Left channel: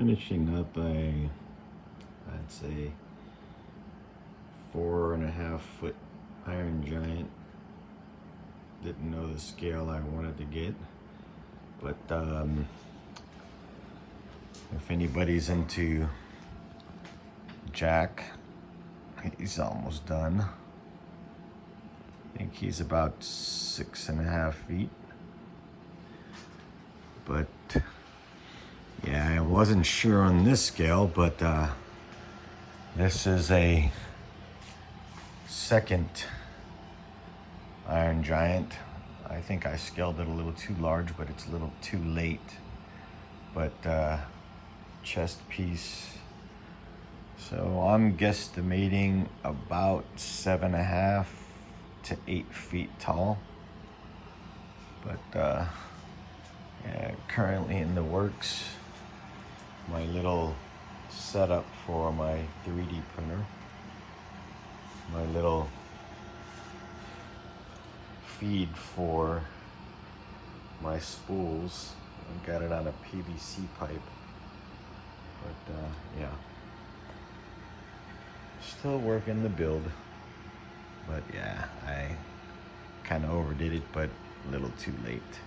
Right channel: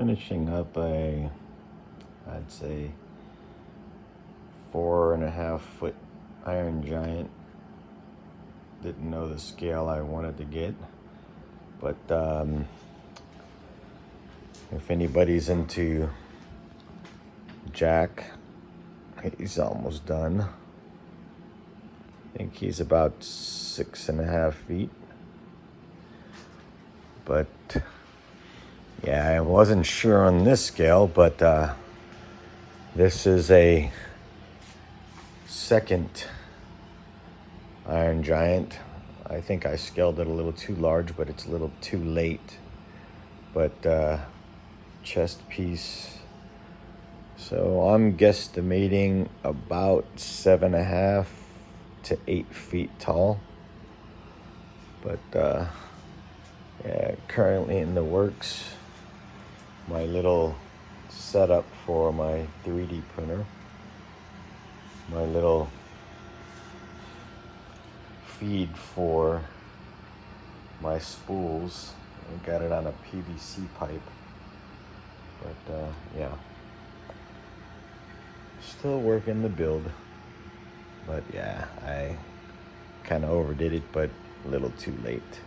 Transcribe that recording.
Finishing up I'd say 4.5 foot Iron Giant. Didn't know the scale I wanted to get, but if anybody's into Jack, he's almost done. I think he's about 6.5 feet. But yeah, I wasn't sure on this scale, but this is a second Iron Giant. I think I scaled it a little too large, but it's a little too late. But chest piece. So I'm guesstimating about 7.5 to 8 feet tall. But currently in the works, my little setup for my 3D printer. My little feed for my spools. I got it on a PVC pipe. But yeah, still working the build. But yeah, I kind of overdid it, but a little too late.